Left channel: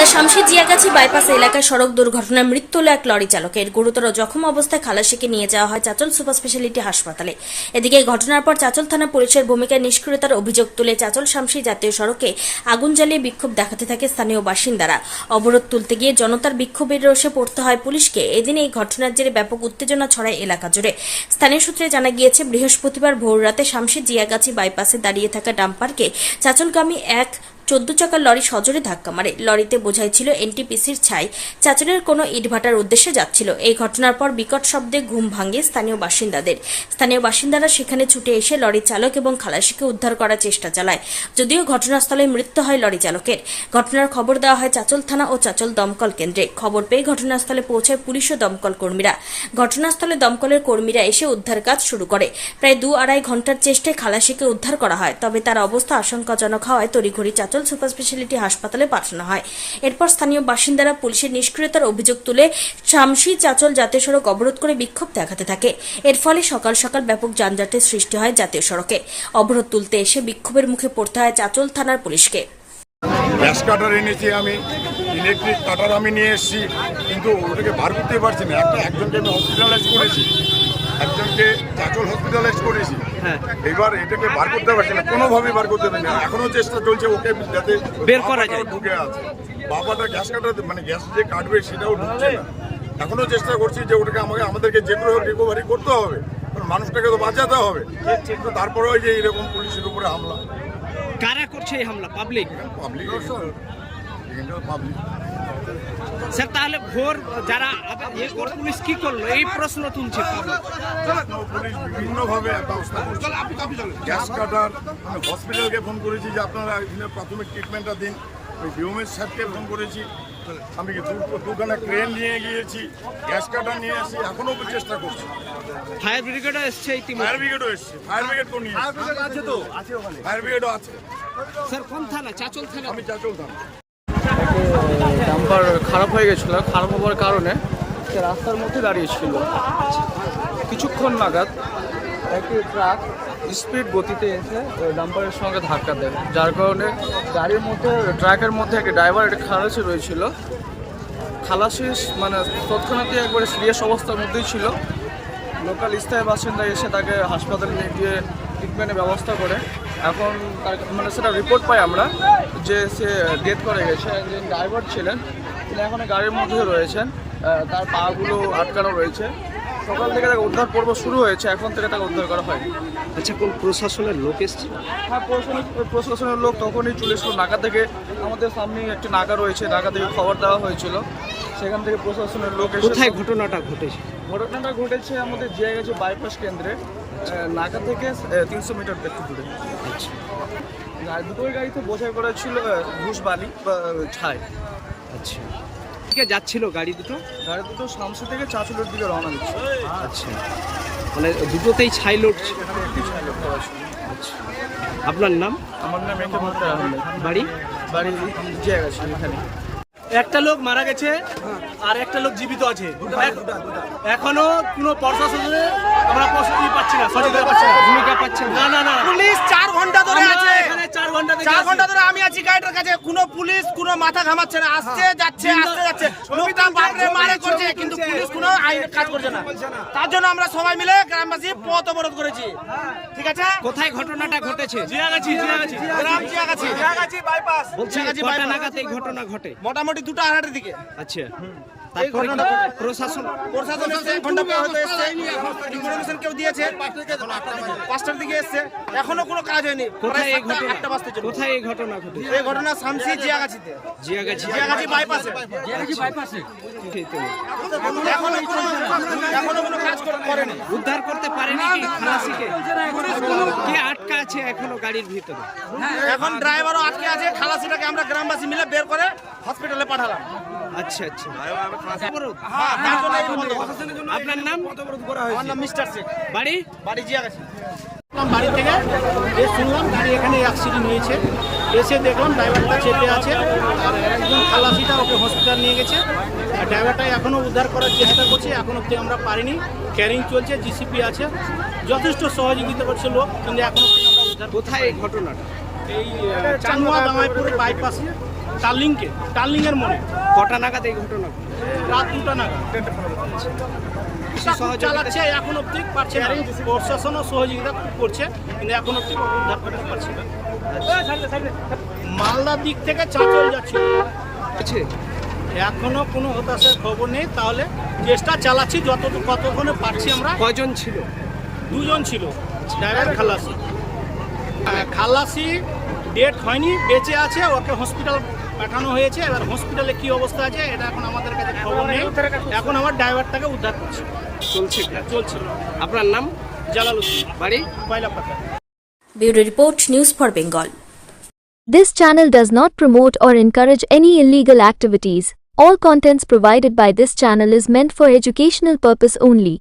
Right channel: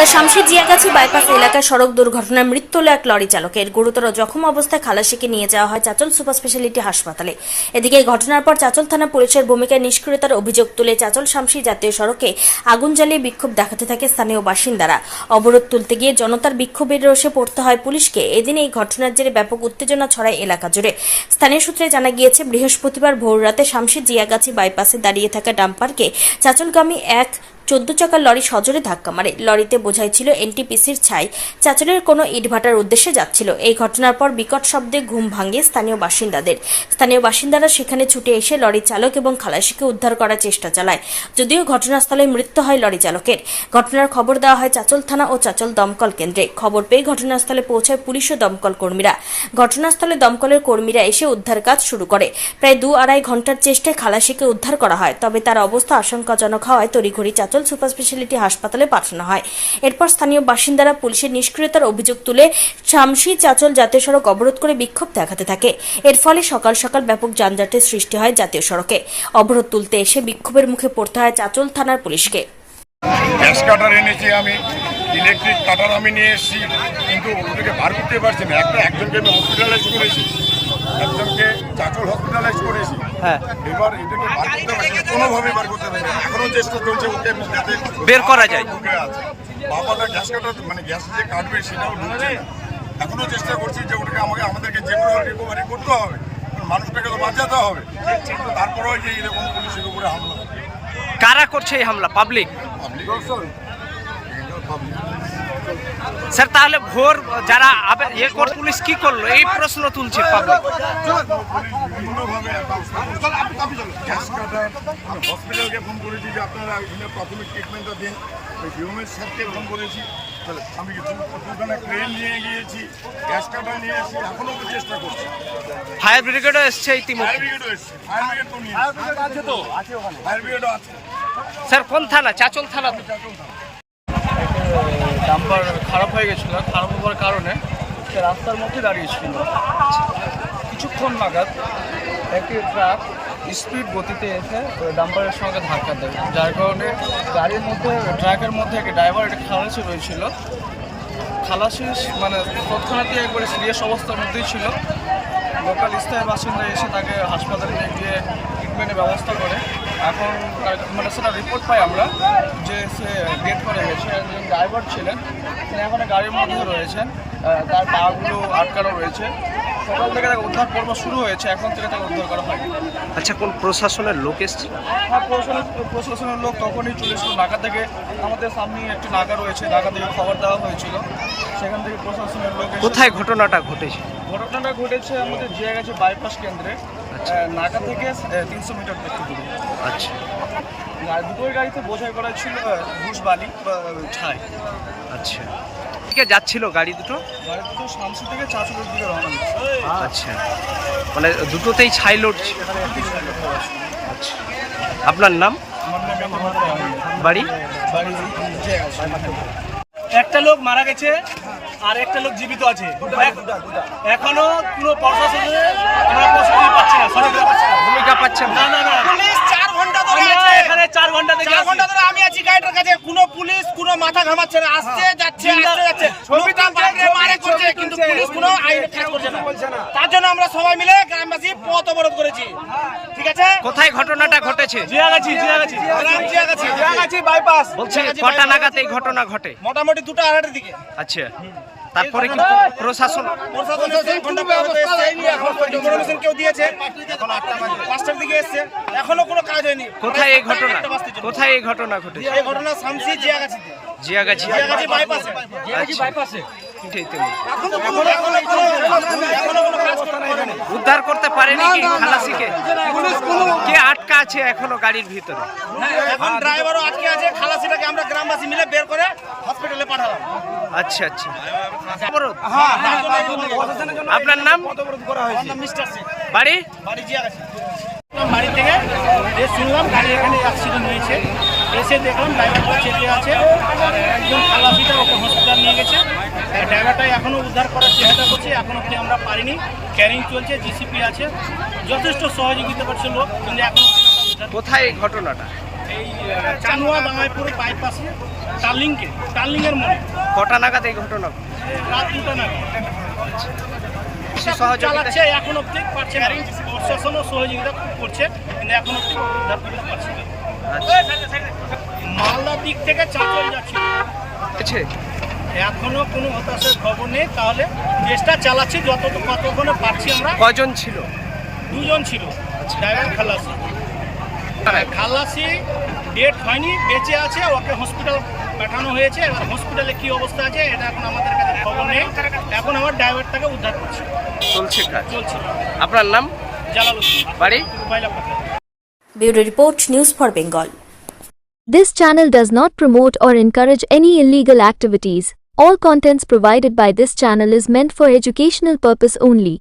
Malda শামশি জিয়াগাছি bypass এলাকায় সড়ক দুর্ঘটনায় মৃত্যু হল এক লরি চালকের। গুরুতর জখম অবস্থায় খালাসিকে নিয়ে যাওয়া হয় চাচল সুপার স্পেশালিটি হাসপাতালে। এদিকে ঘটনার পর চাচল থানা পুলিশের ভূমিকায় নিষ্ক্রিয়তার অভিযোগ তুলে চাচল শামশি জাতীয় সড়কে আগুন জ্বালিয়ে বিক্ষোভ দেখাতে থাকে স্থানীয় বাসিন্দারা। অবরোধ তুলতে গিয়ে জনতার বিক্ষোভের রোষে পড়তে হয় পুলিশকে। এদিন এই ঘটনার জেরে ব্যাপক উত্তেজনা ছড়ায় এলাকা জুড়ে। স্থানীয় সূত্রে জানা গিয়েছে, বৃহস্পতিবার ভোররাতে শামশি জিয়াগাছি বাইপাসে দাঁড়িয়ে থাকা ডাম্পারকে চাচলগামী এক চোদ্দ চাকার লরি সজোরে ধাক্কা মারে। লরিতে বোঝাই ছিল এনটিপিসির ছাই। চাচলের কোনো ইটভাটার উদ্দেশ্যে যাচ্ছিল। এই ঘটনার পর বিকট শব্দে ঘুম ভাঙে স্থানীয় বাসিন্দাদের। স্থানীয় বাসিন্দারা সেখানে ছুটে এসে লরি চালক এবং খালাসিকে উদ্ধার করার চেষ্টা চালায়। যদিও ঘটনাস্থলে মৃত্যু হয় লরি চালকের। ঘটনার খবর দেওয়া হয় চাচল থানা ও চাচল দমকল কেন্দ্রে। খবর পেয়ে ঘটনাস্থলে পৌঁছায় পুলিশ ও দমকল কর্মীরা। ঘটনাস্থলে দমকলের কর্মীরা এসে উদ্ধার কাজ শুরু করে। প্রায় দু আড়াই ঘণ্টার চেষ্টায় খালাসিকে উদ্ধার করা হয়, তবে তার অবস্থা আশঙ্কাজনক হওয়ায় তড়িঘড়ি চাচল সুপার স্পেশালিটি হাসপাতালে পাঠানো হয়। এরপর স্থানীয় বাসিন্দারা পুলিশের নিষ্ক্রিয়তার অভিযোগ তুলে শামসি চাচল জাতীয় সড়ক অবরোধ করে বিক্ষোভ দেখাতে থাকে। এর ফলে সকাল সকাল ব্যাপক যানজটের সৃষ্টি হয় জাতীয় সড়কে। অবরোধ তুলতে এসে বিক্ষোভের মুখে পড়তে হয় চাচল থানার পুলিশকে। ইলেকট্রিক কাটার আমি নিয়ে এসেছি, কিন্তু ওটাকে বার করতে পারছি না। একটা, একজনকে আমি হসপিটালাইজ করেছি, একজনকে চাচল হসপিটালাইজ করেছি। হ্যাঁ। এবার এটাকে বার করতে পারছি না কোনোভাবে বার করতে পারছি না। এখনও চেষ্টা চলছে ওকে যাতে বের করা যায়। ঢুকে আছে। বাবাটা গ্যাস কাটার মানে গ্যাস যে কাটবে সেটাও ঢুকছে না। এখনও চেষ্টা করছি যে ওটাকে আমাকে আমাদেরকে যে করে রিকভারি করতে হবে মানুষটাকে তো বাঁচাতে হবে। কিন্তু তারপরেও যে এরকম পুলিশের উপরে হামলা। কারা করছে এই হামলা? পাবলিক পাবলিক পাবলিক স্যার তাহলে ভোর যারা আবে- ইয়ে কর পুলিশ কি করল? এই প্রশ্ন তুলছে পাবলিক হসপিটালকে ফোন করেছি যে আপনারা এখানে প্রাথমিক ট্রিটমেন্টটা দিন স্যারকে ফোন করেছি আমি দুখানে ক্রেন নিয়ে গিয়েছি গ্যাস কাটার নিয়ে এসেছি এখনও চেষ্টা করছি ফায়ার ব্রিগেডও এসছে ফায়ার ইতিমধ্যে। ব্রিগেডও এসছে ফায়ার ব্রিগেড তো নিয়ে আছে তো? আছে ওখানে ফায়ার ব্রিগেডও আছে। স্যার কোন থানা? চাচল থানা তো? ডাম্পার খারাপ হয়ে গেছিল, খারাপ হওয়ার কারণে সে রাস্তার মধ্যে দাঁড়িয়েছিল। কিছুক্ষণ নাগাদ একটি ট্রাক স্পিড গতিতে এসে ডাম্পারের সঙ্গে ধাক্কা দেয়। যার কারণে গাড়ির মধ্যে ট্রাকের মধ্যে একটি ড্রাইভার একটি খালাসি রয়েছিল। খালাসি মানে তৎক্ষণাৎ একবারে সিরিয়াস অবস্থার মধ্যেই ছিল। লোকাল স্থায়ী বাসিন্দা এসে তাকে হাসপাতালে নিয়ে গিয়ে ট্রিটমেন্টের ব্যবস্থা করে। এখন তার মানে সেটা রিপোর্ট পাই আমরা যে সে ডেথ করে গেছে যিনি ড্রাইভার ছিলেন তিনি এখন গাড়ির মধ্যে রয়েছেন তার পাগুলো আটকানো রয়েছে। সকাল থেকে তাকে উদ্ধার পর্ব শুরু হয়েছে এখন থেকে তাকে উদ্ধার করা হয়নি। আচ্ছা কোন প্রশাসনের লোক এসছিল? হ্যাঁ প্রশাসনের প্রশাসনের লোক তখনই চলে এসেছিল নাকা থেকে। আমাদের সামনেই একটি নাকা রয়েছে নাকা থেকে খবর দেওয়া হয়েছিল। সেখান থেকে প্রশাসনের লোক কোথায় ঘটনাটা ঘটেছে? ঘটনাটা ঘটেছে আমাদের জিয়া গেছে বাইপাস কেন্দ্রে। নাকা থেকে তিনশো মিটার একটু দূরে। আচ্ছা। দুটোই গাড়িতে বোঝাই করা ছিল ঘুষ বালি বা ছাই। আচ্ছা। কে যাচ্ছিল গাড়ি দুটো? গাড়ি দুটো শামসি থেকে চাঁচলের দিকে রওনা দিচ্ছে। আচ্ছা। মানে দুটোতেই ছাই লোড ছাই ছিল। আচ্ছা। আপনার নাম? আমার নাম একে মুক্তার আহমেদ। বাড়ি? বাড়ি জিয়া গেছে এখানে। একটা লোক মারা গেছে। আর একটা লোক জীবিত আছে। এখনও কোনো প্রশাসনে আমরা প্রস্তুতি পাচ্ছি না সহযোগিতা পাচ্ছি না। ভূমিকা পাচ্ছেন না। না না পুলিশ চার ঘণ্টা ধরে আমরা আছে। এখানে চার ঘণ্টা থেকে চার ঘণ্টা ধরে আমি আছি গাইডের কাছে। কোনো পুলিশ কোনো মাথা ঘামাচ্ছে না। আসছে যাচ্ছে আসছে যাচ্ছে। লোকটা বাপরে মারে করছে কিন্তু পুলিশ কোনো আইন কাজ করছে না। তার জন্য আমরা সবাই মিলে গ্রামবাসী পথ অবরোধ করেছি। ঠিক আছে? কোথায় ঘটনাটা জিয়াগাছি বলছি কটা নাগাদ এই ঘটনা ঘটে? মোটামুটি দুটো আড়াইটার দিকে। আচ্ছা। তারপরে কিন্তু প্রশাসন ইনফরমেশন কেউ দিয়েছে। পাঁচটার দিকে এসছে। এখনও কোনো কাজ হয়নি। কোথায় এই ঘটনা। কোথায় এই ঘটনা ঘটেছে? এই ঘটনা শামসি জিয়াগাছিতে। জিয়াগাছি। জিয়াগাছি বাইপাসে বাইপাসে এখনও কোনো এখনও কোনো কাজ করে- করেনি। উদ্ধার করতে পারেনি কি খালাসিকে? কে আটকা আছে এখনও গাড়ির ভিতরে? এখন ড্রাইভারও আটকে আছে। খালাসিটাকে আমরা গ্রামবাসী মিলে বের করে হসপিটালে পাঠালাম। আচ্ছা আচ্ছা। আপনার নাম? বাড়ি? বাড়ি জিয়াগাছি। বাড়ি থেকে যে শুনলাম গাড়ি এখানে অ্যাক্সিডেন্ট হয়েছে। এসে দেখলাম ড্রাইভারটা চেপে আছে আর একজন খালাসিটা ওকে হসপিটাল নিয়ে গেছে। ড্রাইভারটা এখনও উদ্ধার করার চেষ্টা করছে এখন অব্দি আমরা পারিনি। ক্যারিং চলছে জিসিপি আছে। যথেষ্ট সহযোগিতা করছে লোক কিন্তু এখন অব্দি আমরা উদ্ধার কোথায় এই ঘটনাটা? এই চানুয়া দামাইপুর বাইপাসে টার্লিংকে টার্লিংয়ের মোড়ে কটা নাগাদ এই ঘটনা? রাত দুটা নাগাদ। চালাচ্ছে এখন অব্দি পারছে না। প্রশাসনও সহযোগিতা খুব করছে কিন্তু এখন অব্দি উদ্ধার করতে পারছে না। আচ্ছা। মালদার দিক থেকে চাঁচল আছে এখনও কোনো হতাশার খবর নেই তাহলে চেষ্টা চালাচ্ছি যত কতক্ষণে পারছি আমরা। কজন ছিল? দুজন ছিল। ড্রাইভার খালাসি। আর খালাসি ডেট হয়নি বেঁচে আছে ওকে হসপিটাল পাঠানো হয়েছে এবার হসপিটালে কি অবস্থা আছে এটা এখন আমাদের কাছে খবর নেই এখন আমার ড্রাইভারটাকে উদ্ধার করছি চলছে কাজ চলছে আপনার নাম জালালুদ্দিন বাড়ি পয়লা পাতা bureau report news for Bengal This channel does not promote or encourage any illegal activities. All contents provided by this channel is meant for educational purpose only.